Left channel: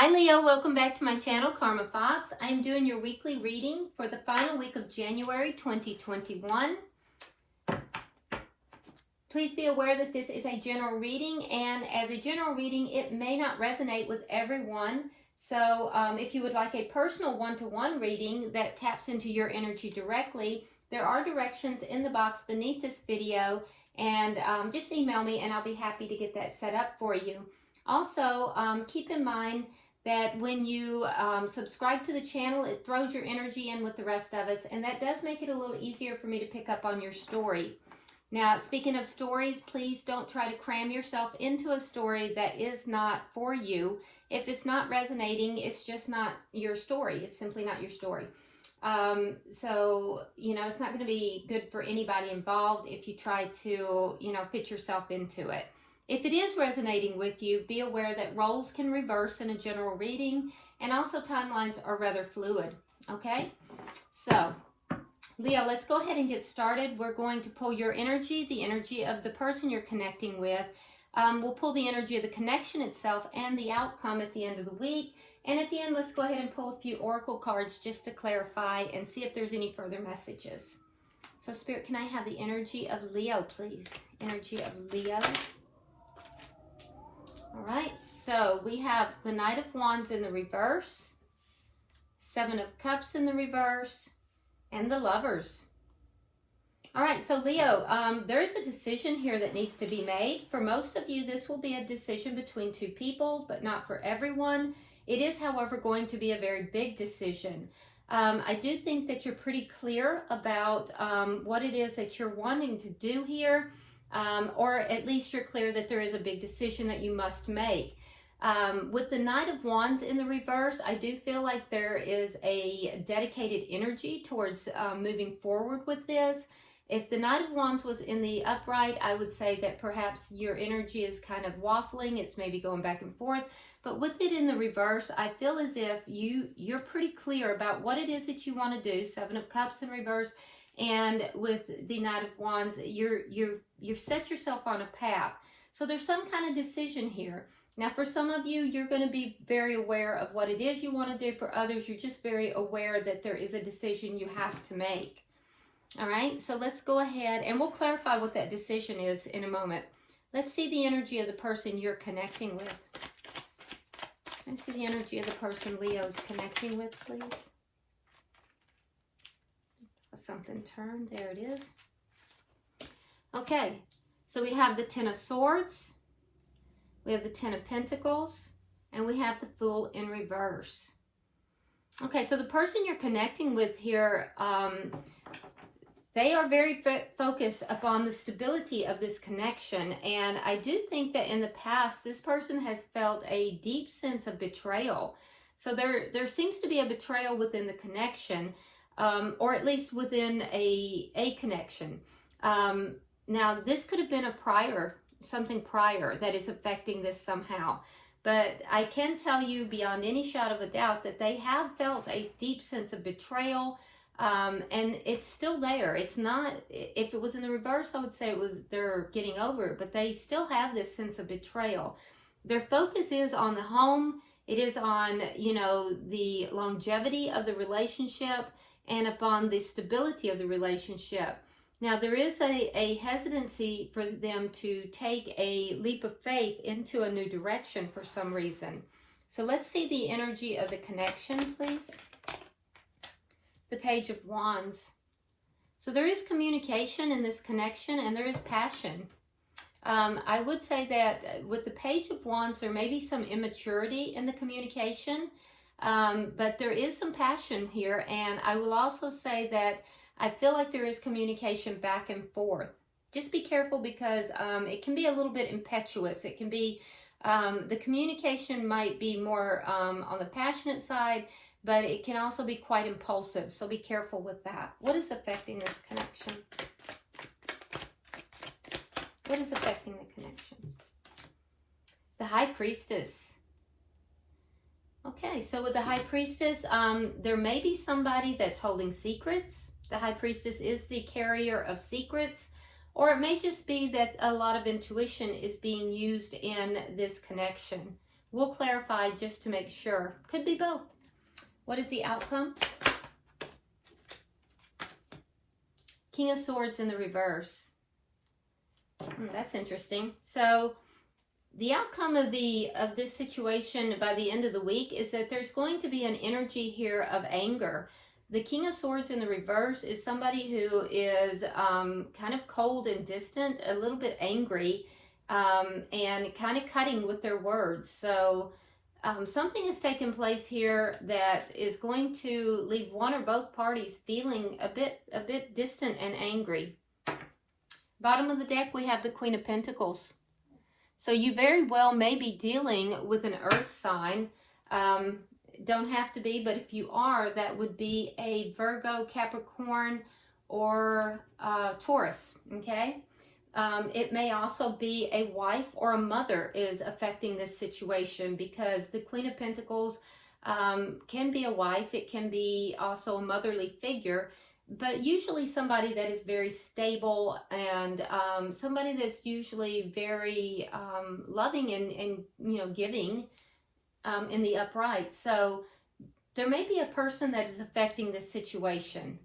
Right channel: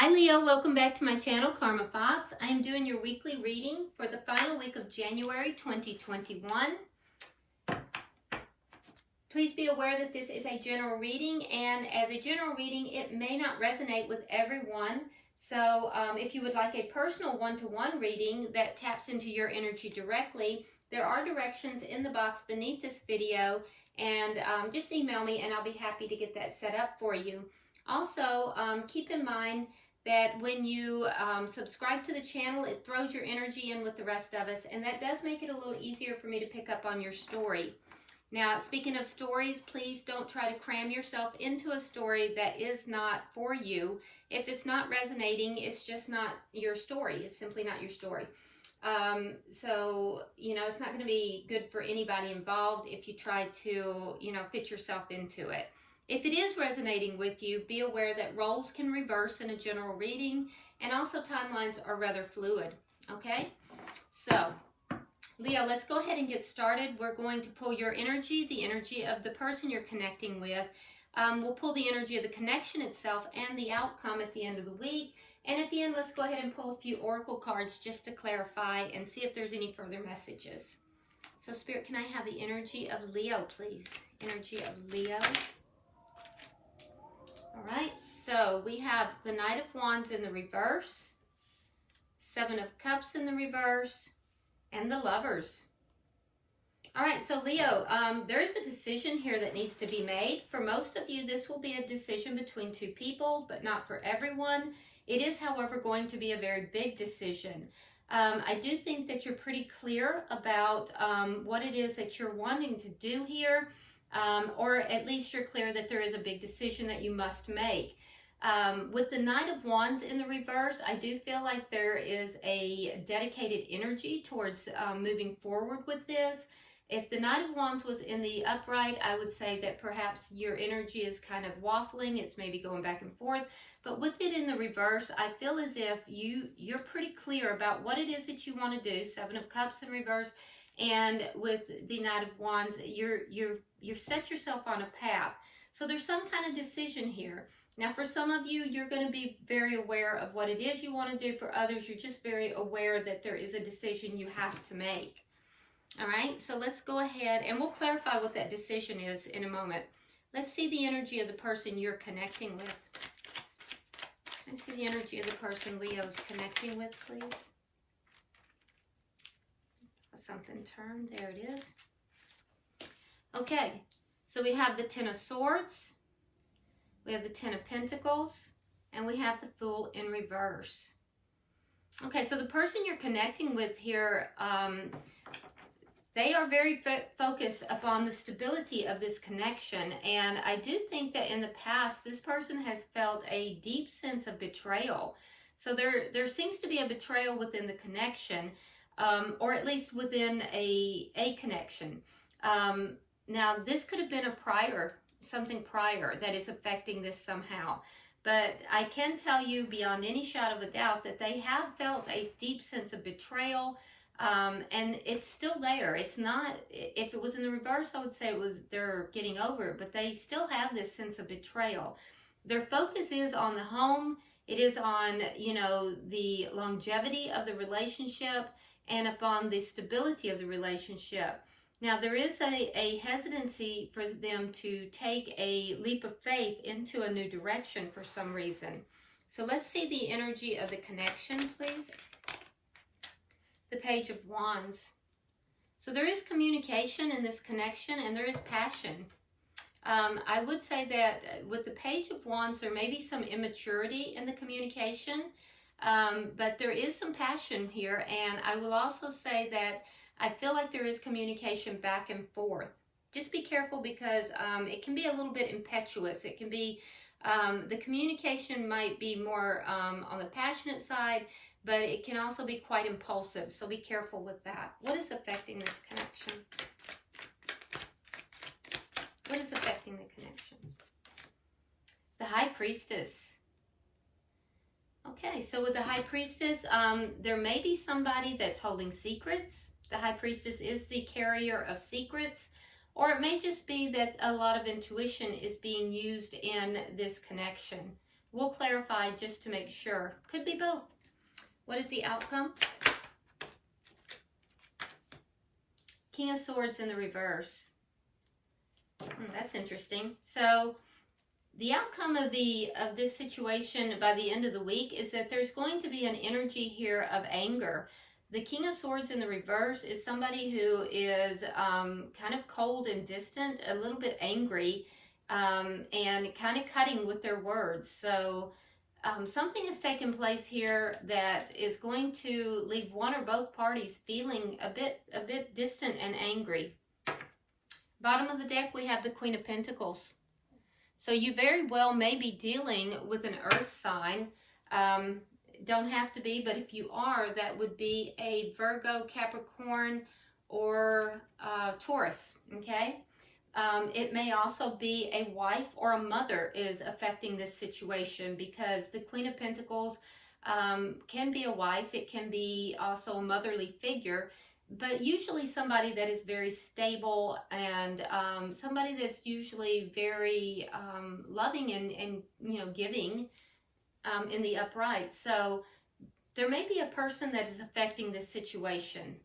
Hi Leo, welcome back to my channel, Karma Fox. I am doing your weekly reading for the final week of January 2021. Please be aware that this is a general reading, and as a general reading, it may not resonate with everyone. So if you would like a personal one-to-one reading that taps into your energy directly, there are directions in the box beneath this video, and just email me and I'll be happy to get that set up for you. Also, keep in mind that when you subscribe to the channel, it throws your energy in with the rest of us, and that does make it a little easier for me to pick up on your story. Now, speaking of stories, please don't try to cram yourself into a story that is not for you. If it's not resonating, it's just not your story. It's simply not your story. So, it's not going to be good for anybody involved if you try to, fit yourself into it. If it is resonating with you, be aware that roles can reverse in a general reading, and also timelines are rather fluid, okay? So, Leo, let's go ahead and get started. We're going to pull your energy, the energy of the person you're connecting with. We'll pull the energy of the connection itself and the outcome at the end of the week. And at the end, let's go ahead and pull a few oracle cards just to clarify and see if there's any further messages. So, Spirit, can I have the energy of Leo, please? Energy of Leo. All right, so we have the Knight of Wands in the reverse, Seven of Cups in the reverse, and the Lovers. All right, so Leo, there is a decision here that needs to be made. For most of you, this will be a decision between two people, but not for everyone. It is, however, going to be a very big decision. I do think that you're pretty clear about what it is that you're wanting to do here. Or at least you're clear that there is a big decision that you must make. With the Knight of Wands in the reverse, I do feel like there is a dedicated energy towards moving forward with this. If the Knight of Wands was in the upright, I would say that perhaps your energy is kind of waffling. It's maybe going back and forth. But with it in the reverse, I feel as if you're pretty clear about what it is that you want to do. Seven of Cups in reverse. And with the Knight of Wands, you've set yourself on a path. So there's some kind of decision here. Now, for some of you, you're going to be very aware of what it is you want to do. For others, you're just very aware that there is a decision you have to make. All right, so let's go ahead and we'll clarify what that decision is in a moment. Let's see the energy of the person you're connecting with. Let's see the energy of the person Leo's connecting with, please. Something turned. There it is. Okay, so we have the Ten of Swords, we have the Ten of Pentacles, and we have the Fool in reverse. Okay, so the person you're connecting with here, they are very focused upon the stability of this connection, and I do think that in the past, this person has felt a deep sense of betrayal. So there seems to be a betrayal within the connection. Or at least within a connection. Now, this could have been something prior that is affecting this somehow. But I can tell you beyond any shadow of a doubt that they have felt a deep sense of betrayal, and it's still there. It's not, if it was in the reverse, I would say they're getting over it, but they still have this sense of betrayal. Their focus is on the home. It is on, the longevity of the relationship, and upon the stability of the relationship. Now, there is a hesitancy for them to take a leap of faith into a new direction for some reason. So let's see the energy of the connection, please. The Page of Wands. So there is communication in this connection, and there is passion. I would say that with the Page of Wands, there may be some immaturity in the communication. But there is some passion here, and I will also say that I feel like there is communication back and forth. Just be careful because it can be a little bit impetuous. It can be, the communication might be more on the passionate side, but it can also be quite impulsive, so be careful with that. What is affecting this connection? What is affecting the connection? The High Priestess. Okay, so with the High Priestess, there may be somebody that's holding secrets. The High Priestess is the carrier of secrets, or it may just be that a lot of intuition is being used in this connection. We'll clarify just to make sure. Could be both. What is the outcome? King of Swords in the reverse. That's interesting. So the outcome of this situation by the end of the week is that there's going to be an energy here of anger. The King of Swords in the reverse is somebody who is kind of cold and distant, a little bit angry, and kind of cutting with their words. So something has taken place here that is going to leave one or both parties feeling a bit distant and angry. Bottom of the deck, we have the Queen of Pentacles. So you very well may be dealing with an earth sign. Don't have to be, but if you are, that would be a Virgo, Capricorn, or Taurus, okay? It may also be a wife or a mother is affecting this situation, because the Queen of Pentacles can be a wife. It can be also a motherly figure, but usually somebody that is very stable and somebody that's usually very loving and you know, giving in the upright. So there may be a person that is affecting this situation.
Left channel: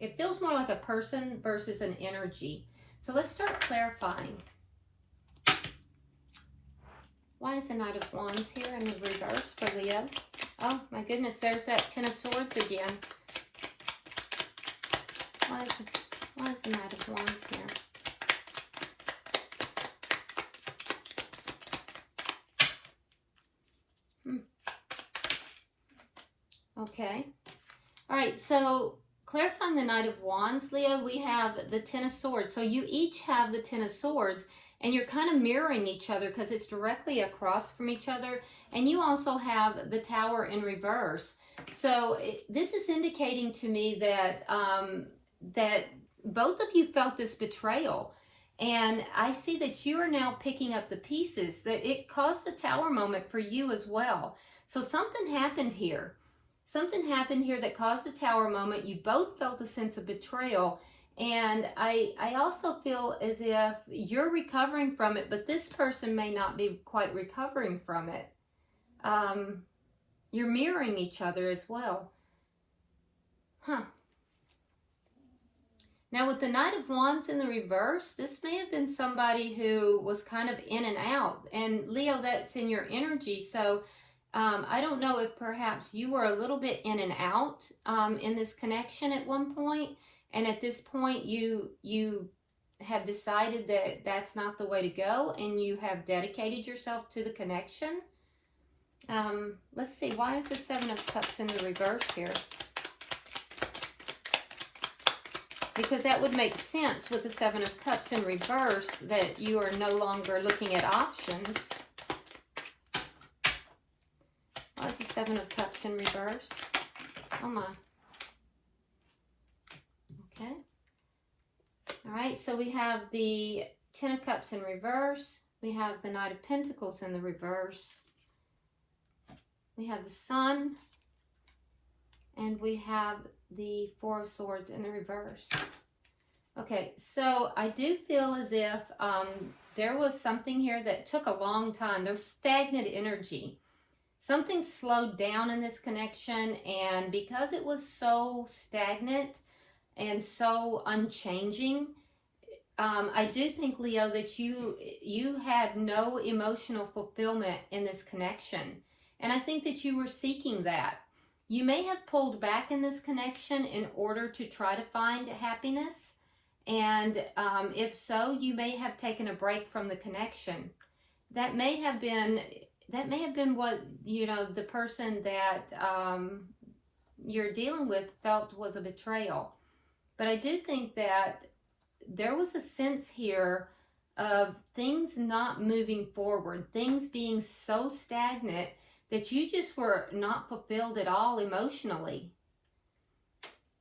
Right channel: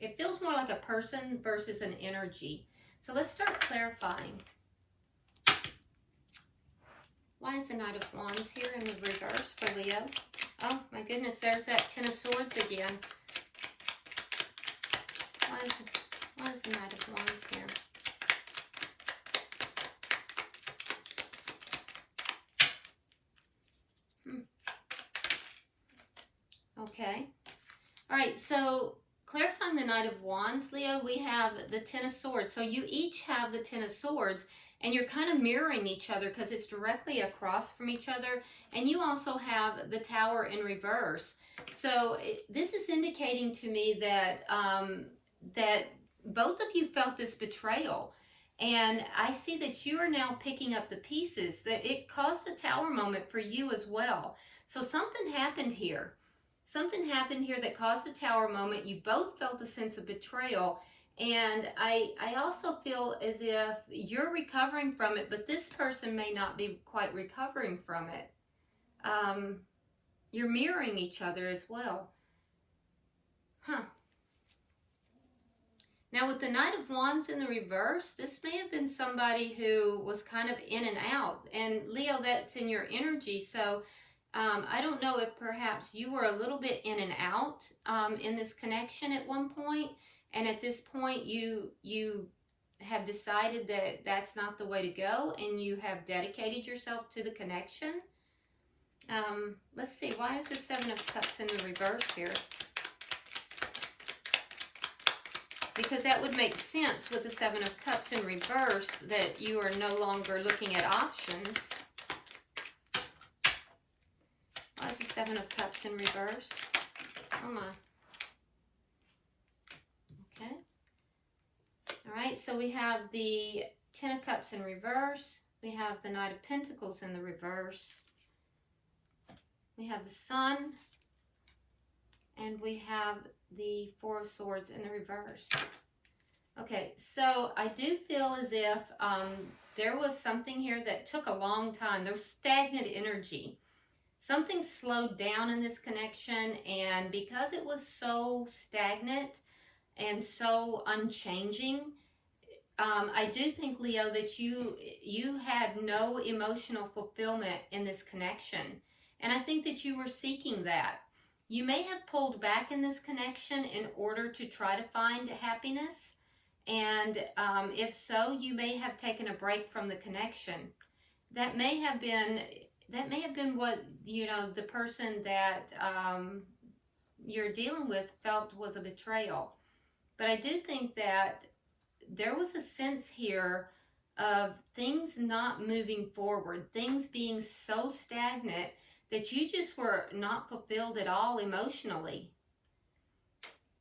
It feels more like a person versus an energy. So let's start clarifying. Why is the Knight of Wands here in the reverse for Leo? Oh my goodness, there's that Ten of Swords again. Why is the Knight of Wands here? Okay. All right, so clarifying the Knight of Wands, Leo, we have the Ten of Swords. So you each have the Ten of Swords, and you're kind of mirroring each other because it's directly across from each other. And you also have the Tower in reverse. So this is indicating to me that that both of you felt this betrayal. And I see that you are now picking up the pieces, that it caused a Tower moment for you as well. So something happened here. Something happened here that caused a Tower moment. You both felt a sense of betrayal. And I also feel as if you're recovering from it, but this person may not be quite recovering from it. You're mirroring each other as well. Huh. Now with the Knight of Wands in the reverse, this may have been somebody who was kind of in and out. And Leo, that's in your energy. So I don't know if perhaps you were a little bit in and out in this connection at one point. And at this point, you have decided that that's not the way to go, and you have dedicated yourself to the connection. Let's see, why is the Seven of Cups in the reverse here? Because that would make sense with the Seven of Cups in reverse, that you are no longer looking at options. Why is the Seven of Cups in reverse? Oh my. Okay. All right, so we have the Ten of Cups in reverse. We have the Knight of Pentacles in the reverse. We have the Sun. And we have the Four of Swords in the reverse. Okay, so I do feel as if there was something here that took a long time. There's stagnant energy. Something slowed down in this connection, and because it was so stagnant and so unchanging, I do think, Leo, that you had no emotional fulfillment in this connection. And I think that you were seeking that. You may have pulled back in this connection in order to try to find happiness. And if so, you may have taken a break from the connection. That may have been what, you know, the person that you're dealing with felt was a betrayal. But I do think that there was a sense here of things not moving forward, things being so stagnant that you just were not fulfilled at all emotionally.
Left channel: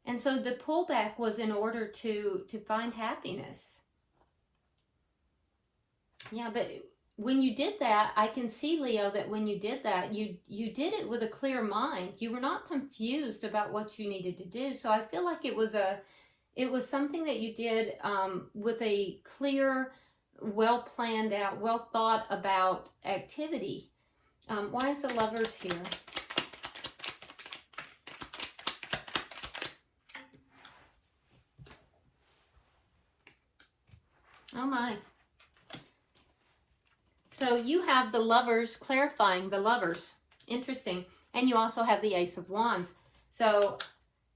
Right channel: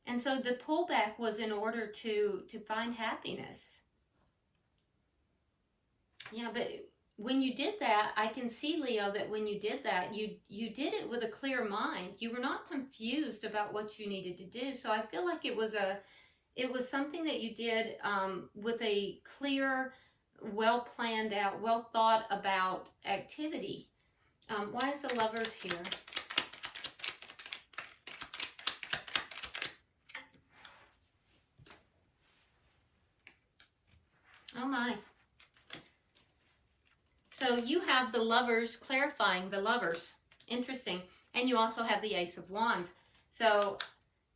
And so the pullback was in order to find happiness. Yeah, but when you did that, I can see, Leo, that when you did that, you did it with a clear mind. You were not confused about what you needed to do. So I feel like it was something that you did with a clear, well planned out, well thought about activity. Why is the Lovers here? Oh my. So you have the Lovers clarifying the Lovers. Interesting. And you also have the Ace of Wands. So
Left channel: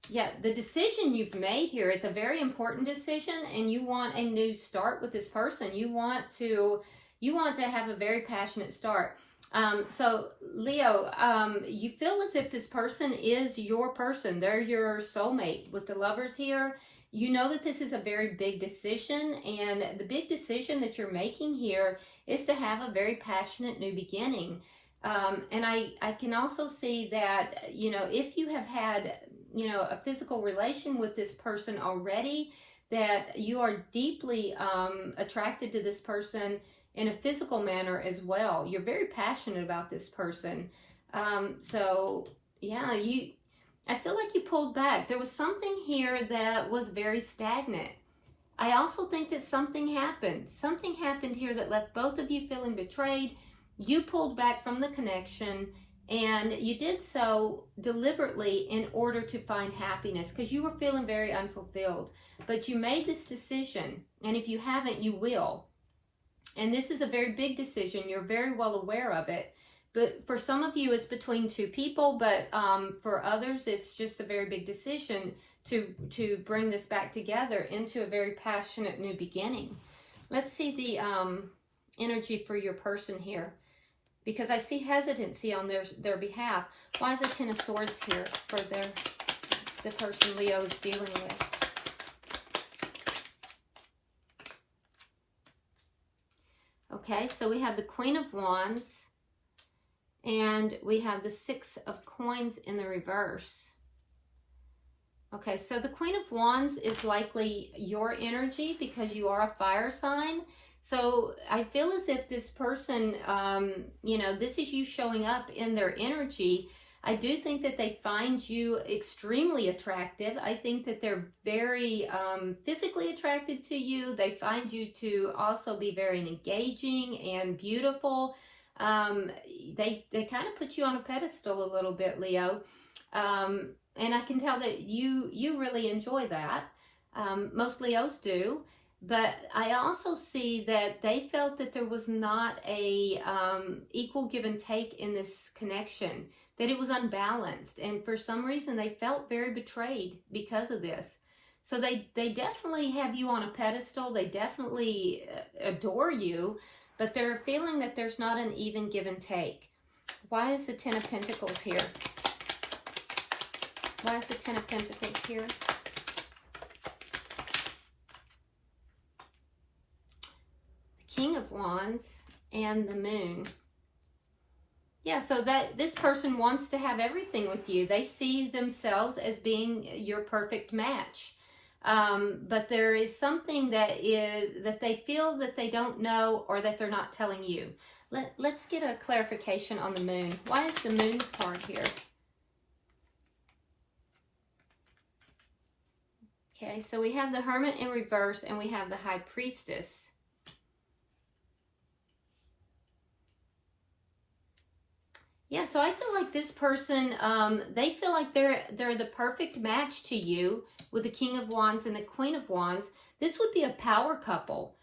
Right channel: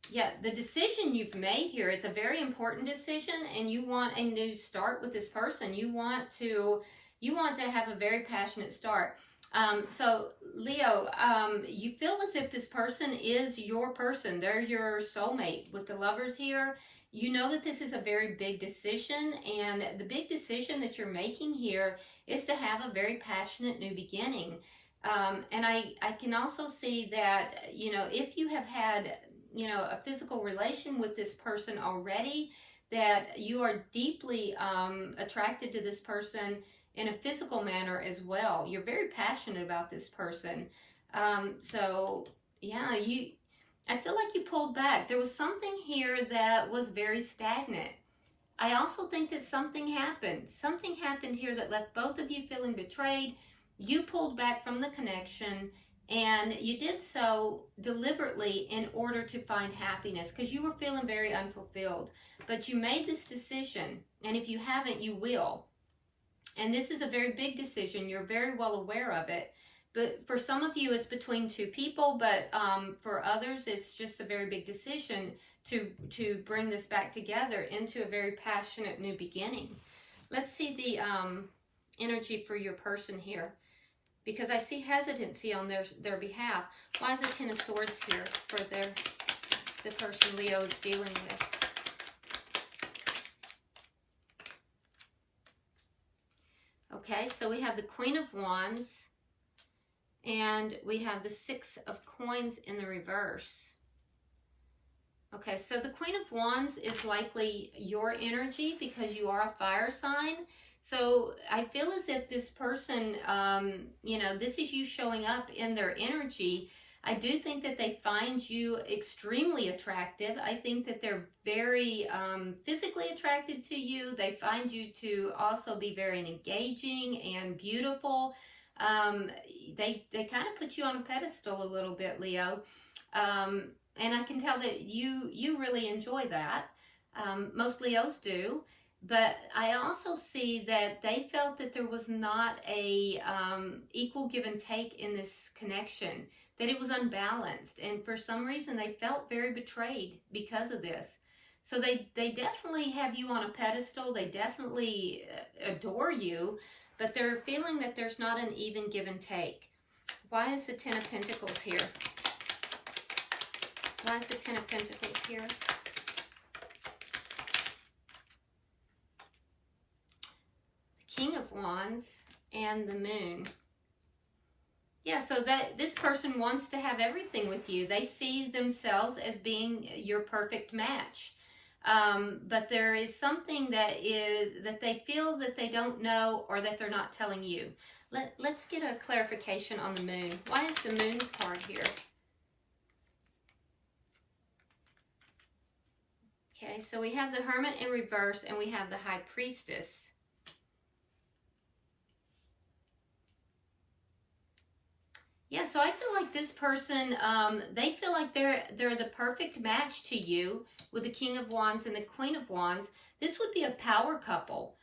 yeah, the decision you've made here, it's a very important decision, and you want a new start with this person. You want to have a very passionate start. So Leo, you feel as if this person is your person. They're your soulmate. With the Lovers here, you know that this is a very big decision, and the big decision that you're making here is to have a very passionate new beginning. And I can also see that, you know, if you have had, you know, a physical relation with this person already, that you are deeply attracted to this person in a physical manner as well. You're very passionate about this person. So yeah, I feel like you pulled back. There was something here that was very stagnant. I also think that something happened. Something happened here that left both of you feeling betrayed. You pulled back from the connection, and you did so deliberately in order to find happiness because you were feeling very unfulfilled. But you made this decision, and if you haven't, you will. And this is a very big decision. You're very well aware of it. But for some of you, it's between two people, but for others, it's just a very big decision to bring this back together into a very passionate new beginning. Let's see the energy for your person here, because I see hesitancy on their behalf. Why is the Ten of Swords here for the person Leo is dealing with? Okay, so we have the Queen of Wands, and we have the Six of Coins in the reverse. Okay, so the Queen of Wands is likely your energy because you are a fire sign. So I feel as if this person, you know, this is you showing up in their energy. I do think that they find you extremely attractive. I think that they're very physically attracted to you. They find you to also be very engaging and beautiful. They kind of put you on a pedestal a little bit, Leo. And I can tell that you really enjoy that. Most Leos do. But I also see that they felt that there was not a equal give and take in this connection, that it was unbalanced. And for some reason, they felt very betrayed because of this. So they definitely have you on a pedestal. They definitely adore you, but they're feeling that there's not an even give and take. Why is the Ten of Pentacles here? Why is the Ten of Pentacles here? King of Wands and the Moon. Yeah, so that this person wants to have everything with you. They see themselves as being your perfect match. But there is something that they feel that they don't know, or that they're not telling you. Let's get a clarification on the Moon. Why is the Moon card here? Okay, so we have the Hermit in reverse, and we have the High Priestess. Yeah, so I feel like this person, they feel like they're the perfect match to you with the King of Wands and the Queen of Wands. This would be a power couple.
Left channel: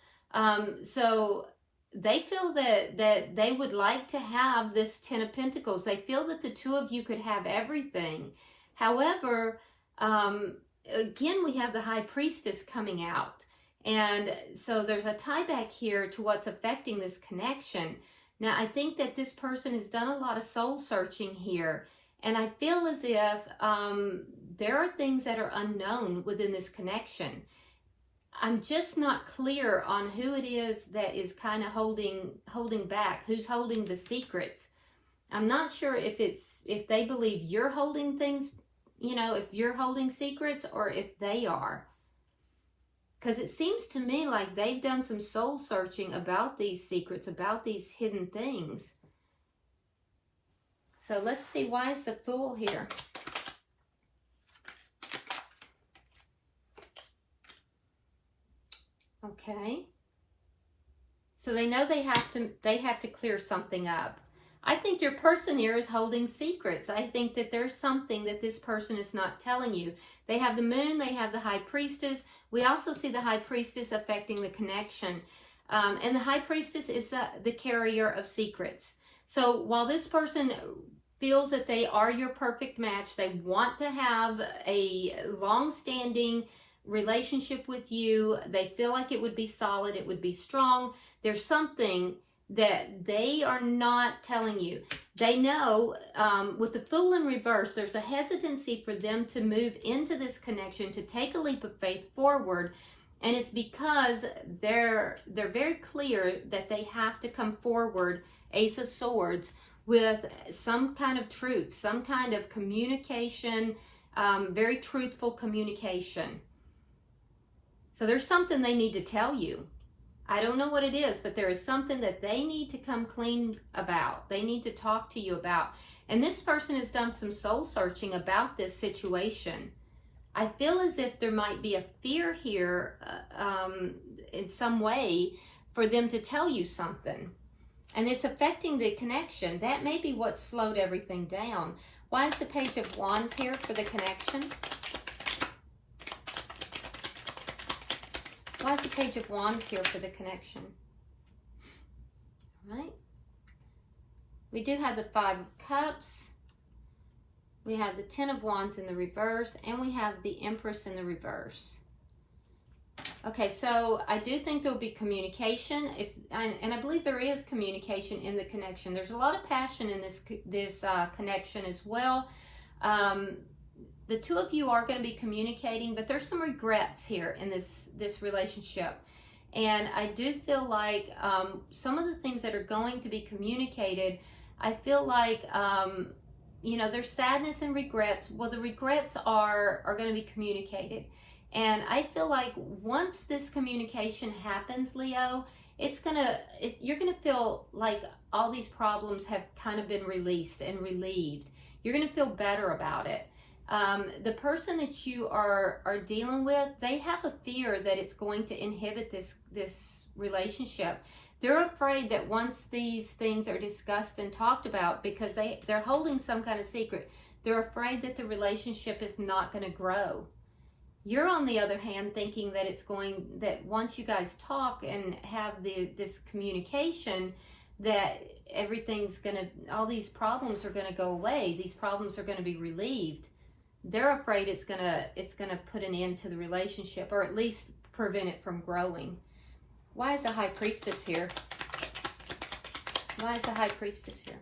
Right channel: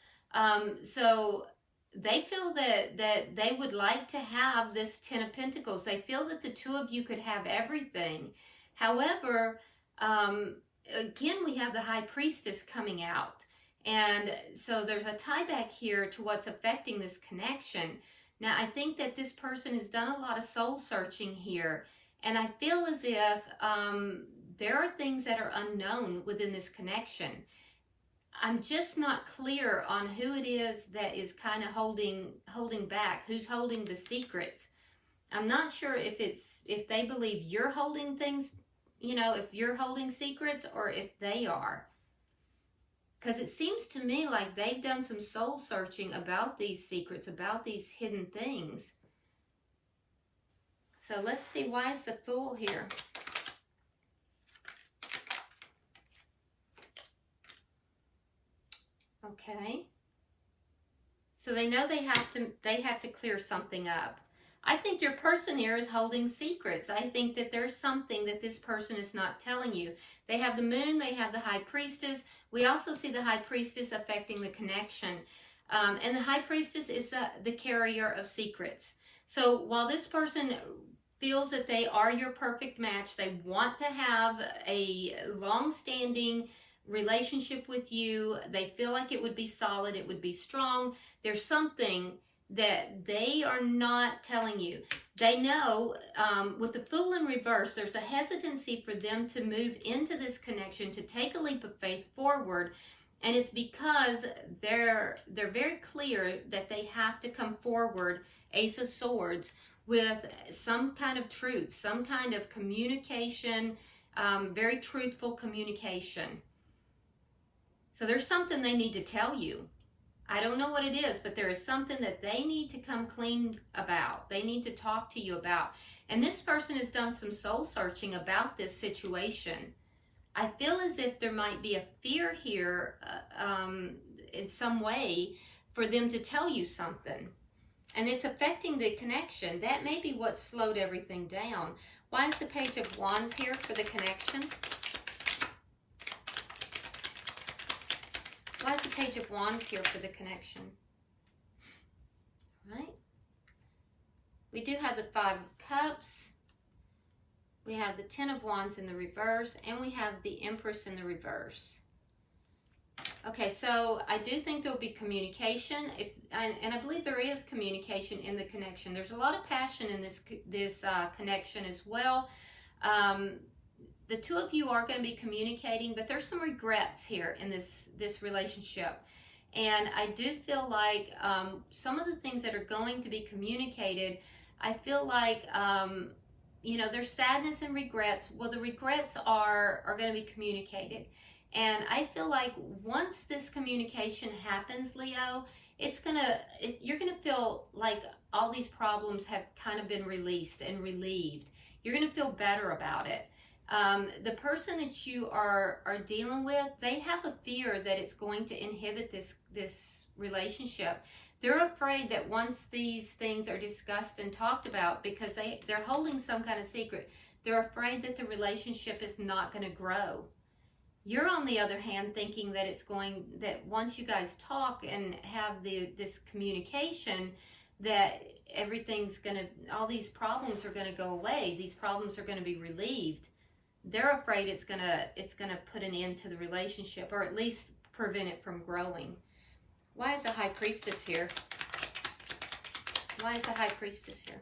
So they feel that they would like to have this Ten of Pentacles. They feel that the two of you could have everything. However, again, we have the High Priestess coming out. And so there's a tie back here to what's affecting this connection. Now, I think that this person has done a lot of soul searching here, and I feel as if there are things that are unknown within this connection. I'm just not clear on who it is that is kind of holding back, who's holding the secrets. I'm not sure if they believe you're holding things, you know, if you're holding secrets, or if they are. Because it seems to me like they've done some soul searching about these secrets, about these hidden things. So let's see, why is the Fool here? Okay. So they know they have to clear something up. I think your person here is holding secrets. I think that there's something that this person is not telling you. They have the moon, they have the high priestess. We also see the high priestess affecting the connection. And the high priestess is the carrier of secrets. So while this person feels that they are your perfect match, they want to have a long-standing relationship with you, they feel like it would be solid, it would be strong, there's something that they are not telling you. They know, with the Fool in reverse, there's a hesitancy for them to move into this connection, to take a leap of faith forward, and it's because they're very clear that they have to come forward, Ace of Swords, with some kind of truth, some kind of communication, very truthful communication. So there's something they need to tell you. I don't know what it is, but there is something that they need to come clean about. They need to talk to you about. And this person has done some soul searching about this situation. I feel as if there might be a fear here in some way for them to tell you something. And it's affecting the connection. That may be what slowed everything down. Why is the Page of Wands here for the connection? Why is the Page of Wands here for the connection? All right. We do have the Five of Cups. We have the Ten of Wands in the reverse. And we have the Empress in the reverse. Okay, so I do think there'll be communication. And I believe there is communication in the connection. There's a lot of passion in this connection as well. The two of you are going to be communicating, but there's some regrets here in this relationship. And I do feel like some of the things that are going to be communicated, I feel like, you know, there's sadness and regrets. Well, the regrets are going to be communicated. And I feel like once this communication happens, Leo, you're going to feel like all these problems have kind of been released and relieved. You're going to feel better about it. The person that you are dealing with, they have a fear that it's going to inhibit this relationship. They're afraid that once these things are discussed and talked about, because they're holding some kind of secret, they're afraid that the relationship is not going to grow. You're, on the other hand, thinking that that once you guys talk and have this communication, that all these problems are gonna go away. These problems are gonna be relieved. They're afraid it's gonna put an end to the relationship, or at least prevent it from growing. Why is the High Priestess here? Why is the High Priestess here?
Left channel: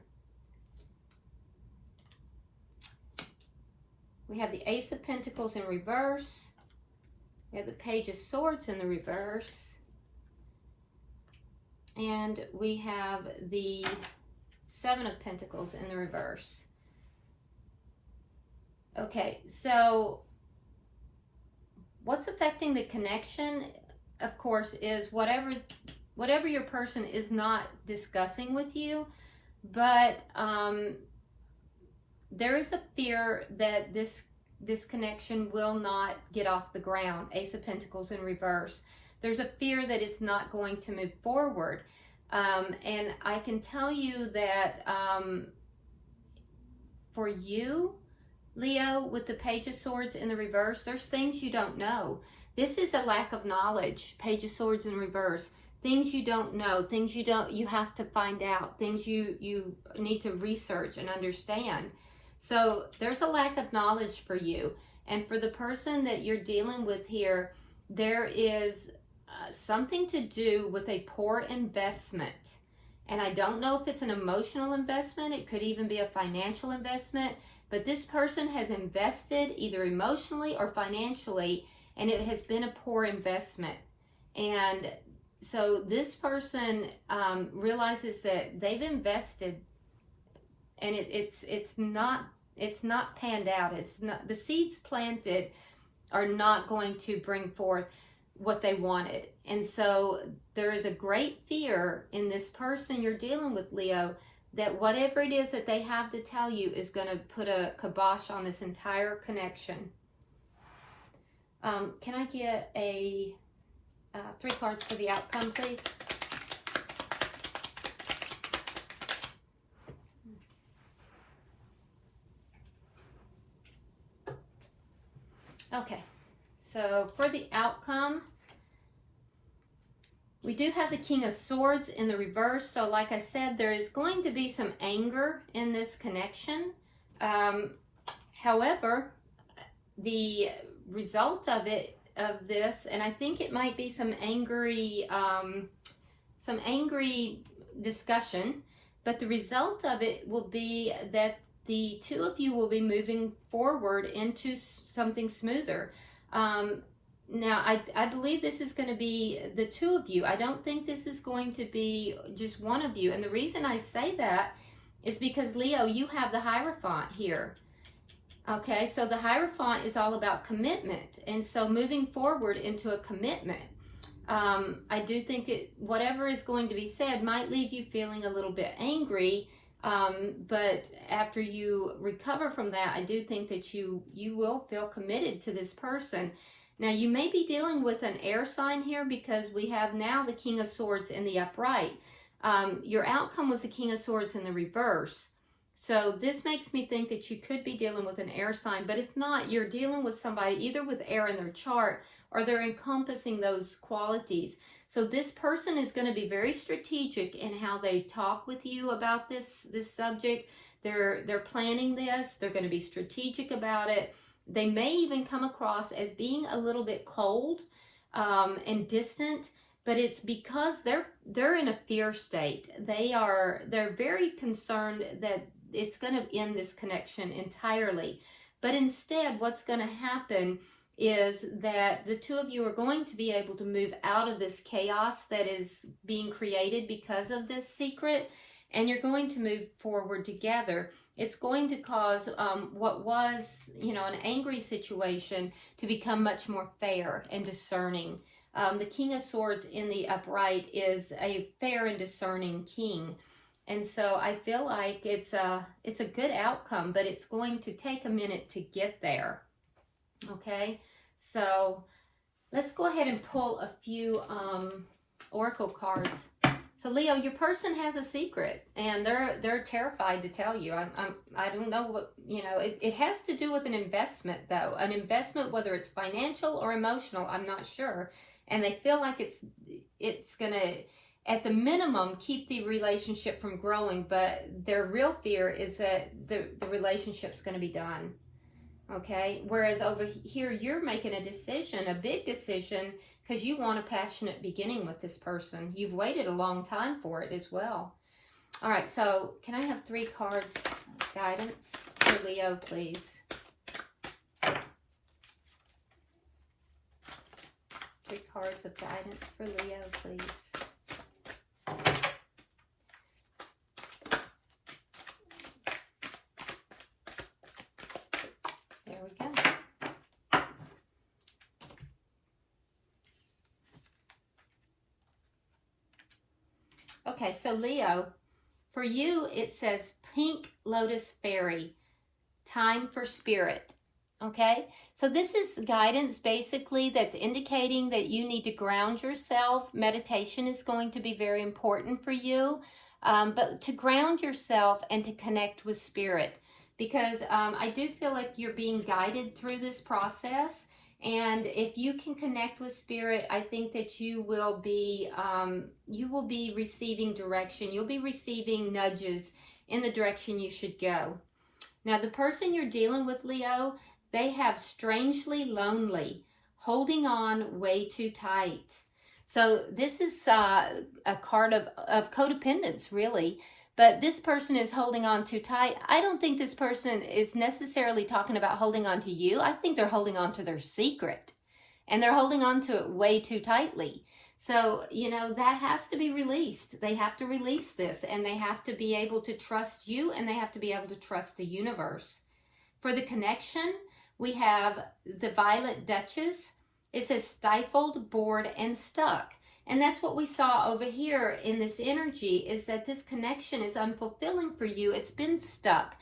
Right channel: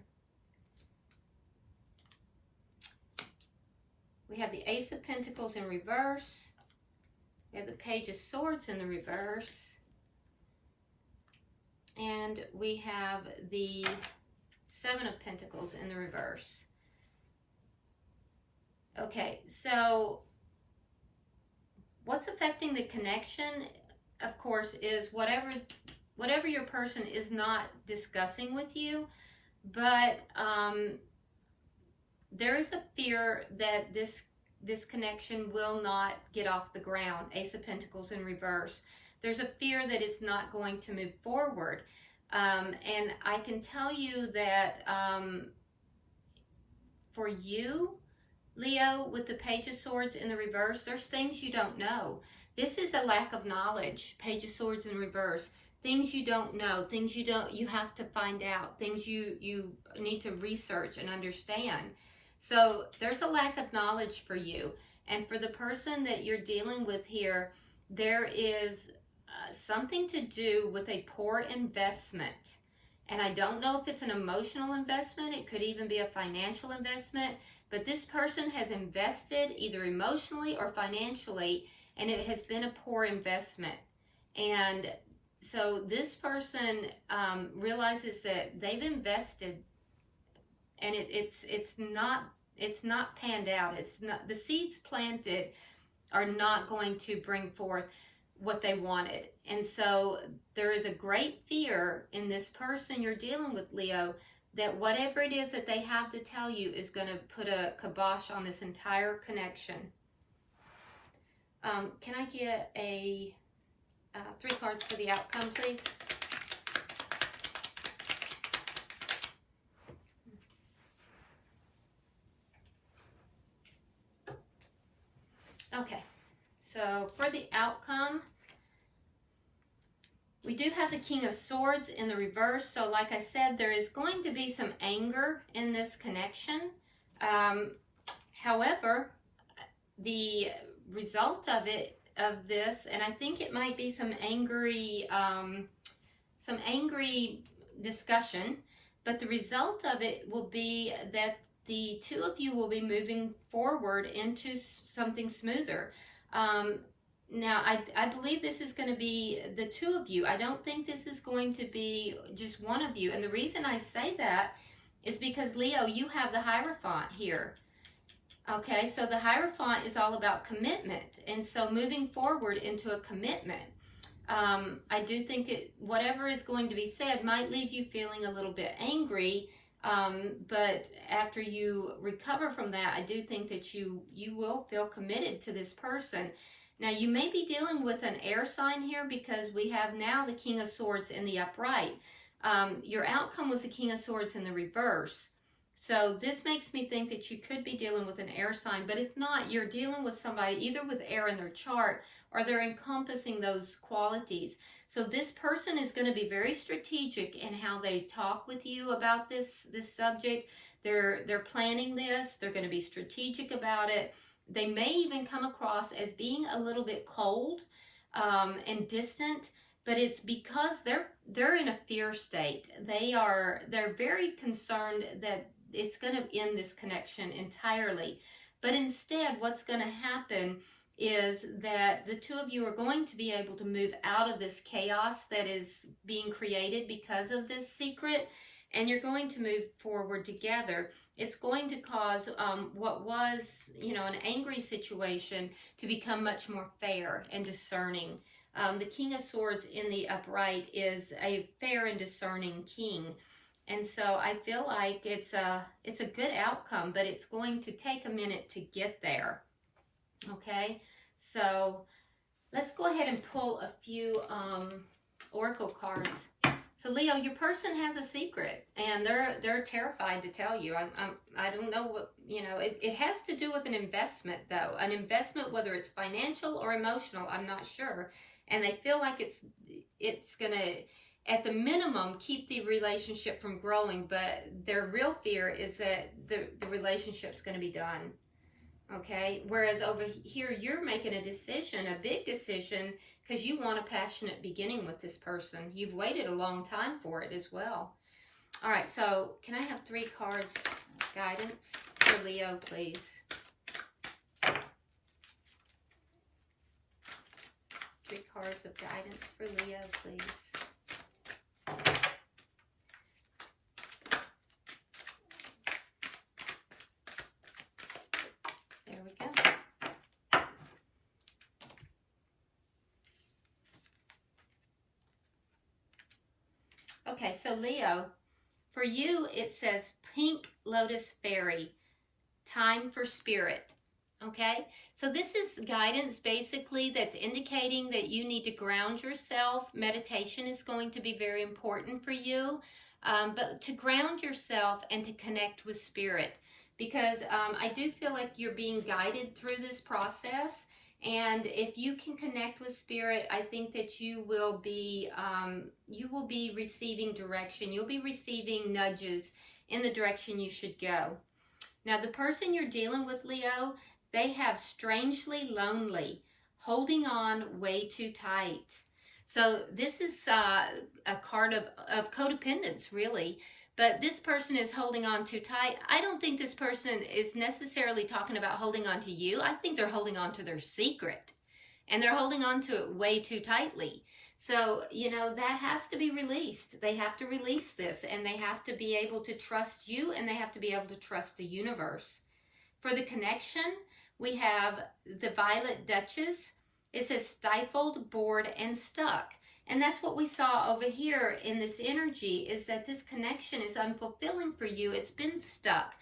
We have the Ace of Pentacles in reverse. We have the Page of Swords in the reverse. And we have the Seven of Pentacles in the reverse. Okay, so what's affecting the connection, of course, is whatever your person is not discussing with you, but there is a fear that this connection will not get off the ground. Ace of Pentacles in reverse. There's a fear that it's not going to move forward. And I can tell you that for you, Leo, with the Page of Swords in the reverse, there's things you don't know. This is a lack of knowledge. Page of Swords in reverse. Things you don't know, things you have to find out, things you need to research and understand. So there's a lack of knowledge for you. And for the person that you're dealing with here, there is something to do with a poor investment. And I don't know if it's an emotional investment. It could even be a financial investment. But this person has invested either emotionally or financially, and it has been a poor investment. And so this person realizes that they've invested, and it's not panned out. It's not, the seeds planted are not going to bring forth what they wanted. And so there is a great fear in this person you're dealing with, Leo, that whatever it is that they have to tell you is going to put a kibosh on this entire connection. Can I get a 3 cards for the outcome, please? Okay, so for the outcome, we do have the King of Swords in the reverse. So like I said, there is going to be some anger in this connection. However, the result of this, and I think it might be some angry discussion, but the result of it will be that the two of you will be moving forward into something smoother. Now, I believe this is going to be the two of you. I don't think this is going to be just one of you. And the reason I say that is because, Leo, you have the Hierophant here. Okay, so the Hierophant is all about commitment. And so moving forward into a commitment. I do think whatever is going to be said might leave you feeling a little bit angry. But after you recover from that, I do think that you will feel committed to this person. Now, you may be dealing with an air sign here because we have now the King of Swords in the upright. Your outcome was the King of Swords in the reverse. So this makes me think that you could be dealing with an air sign. But if not, you're dealing with somebody either with air in their chart or they're encompassing those qualities. So this person is going to be very strategic in how they talk with you about this subject. They're planning this. They're going to be strategic about it. They may even come across as being a little bit cold and distant, but it's because they're in a fear state. They're very concerned that it's going to end this connection entirely. But instead, what's going to happen is that the two of you are going to be able to move out of this chaos that is being created because of this secret, and you're going to move forward together. It's going to cause what was, an angry situation to become much more fair and discerning. The King of Swords in the upright is a fair and discerning king. And so I feel like it's a good outcome, but it's going to take a minute to get there. Okay, so let's go ahead and pull a few oracle cards. So Leo, your person has a secret, and they're terrified to tell you. I don't know what, it has to do with an investment, though. An investment, whether it's financial or emotional, I'm not sure. And they feel like it's going to, at the minimum, keep the relationship from growing, but their real fear is that the relationship's going to be done. Okay, whereas over here, you're making a decision, a big decision, because you want a passionate beginning with this person. You've waited a long time for it as well. All right, so can I have 3 cards guidance for Leo, please? 3 cards of guidance for Leo, please. There we go. Okay, so Leo, for you, it says Pink Lotus Fairy, time for spirit. Okay, so this is guidance basically that's indicating that you need to ground yourself. Meditation is going to be very important for you, but to ground yourself and to connect with spirit, because I do feel like you're being guided through this process. And if you can connect with spirit, I think that you will be receiving direction. You'll be receiving nudges in the direction you should go. Now, the person you're dealing with, Leo, they have strangely lonely, holding on way too tight. So this is a card of codependence, really. But this person is holding on too tight. I don't think this person is necessarily talking about holding on to you. I think they're holding on to their secret. And they're holding on to it way too tightly. So, that has to be released. They have to release this. And they have to be able to trust you. And they have to be able to trust the universe. For the connection, we have the Violet Duchess. It says stifled, bored, and stuck. And that's what we saw over here in this energy, is that this connection is unfulfilling for you. It's been stuck.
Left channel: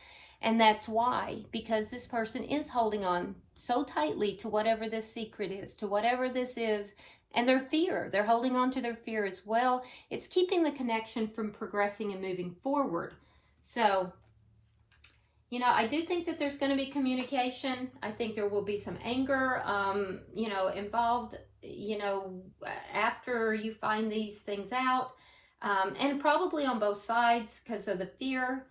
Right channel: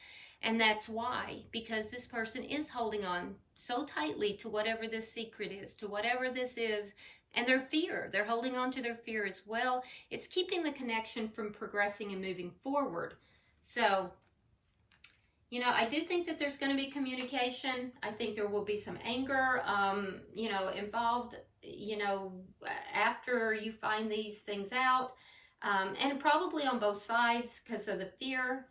And that's why, because this person is holding on so tightly to whatever this secret is, to whatever this is, and their fear. They're holding on to their fear as well. It's keeping the connection from progressing and moving forward. So You know, I do think that there's going to be communication. I think there will be some anger, you know, involved, you know, after you find these things out. And probably on both sides because of the fear.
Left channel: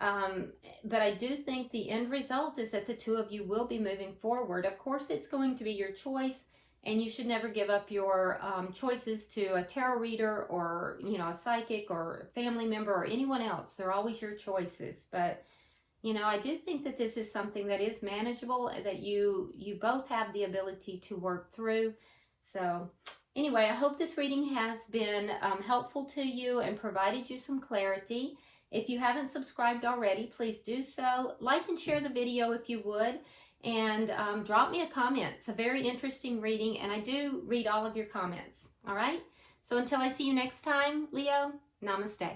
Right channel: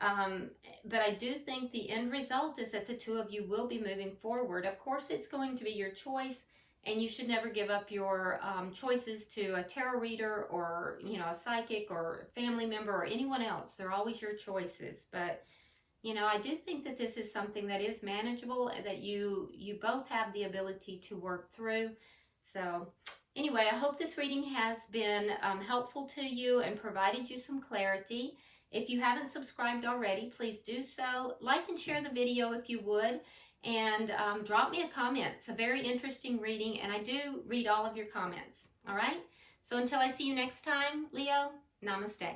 But I do think the end result is that the two of you will be moving forward. Of course, it's going to be your choice, and you should never give up your choices to a tarot reader or, you know, a psychic or a family member or anyone else. They're always your choices. But, you know, I do think that this is something that is manageable, that you both have the ability to work through. So anyway, I hope this reading has been helpful to you and provided you some clarity. If you haven't subscribed already, please do so. Like and share the video if you would, and drop me a comment. It's a very interesting reading, and I do read all of your comments. All right? So until I see you next time, Leo, namaste.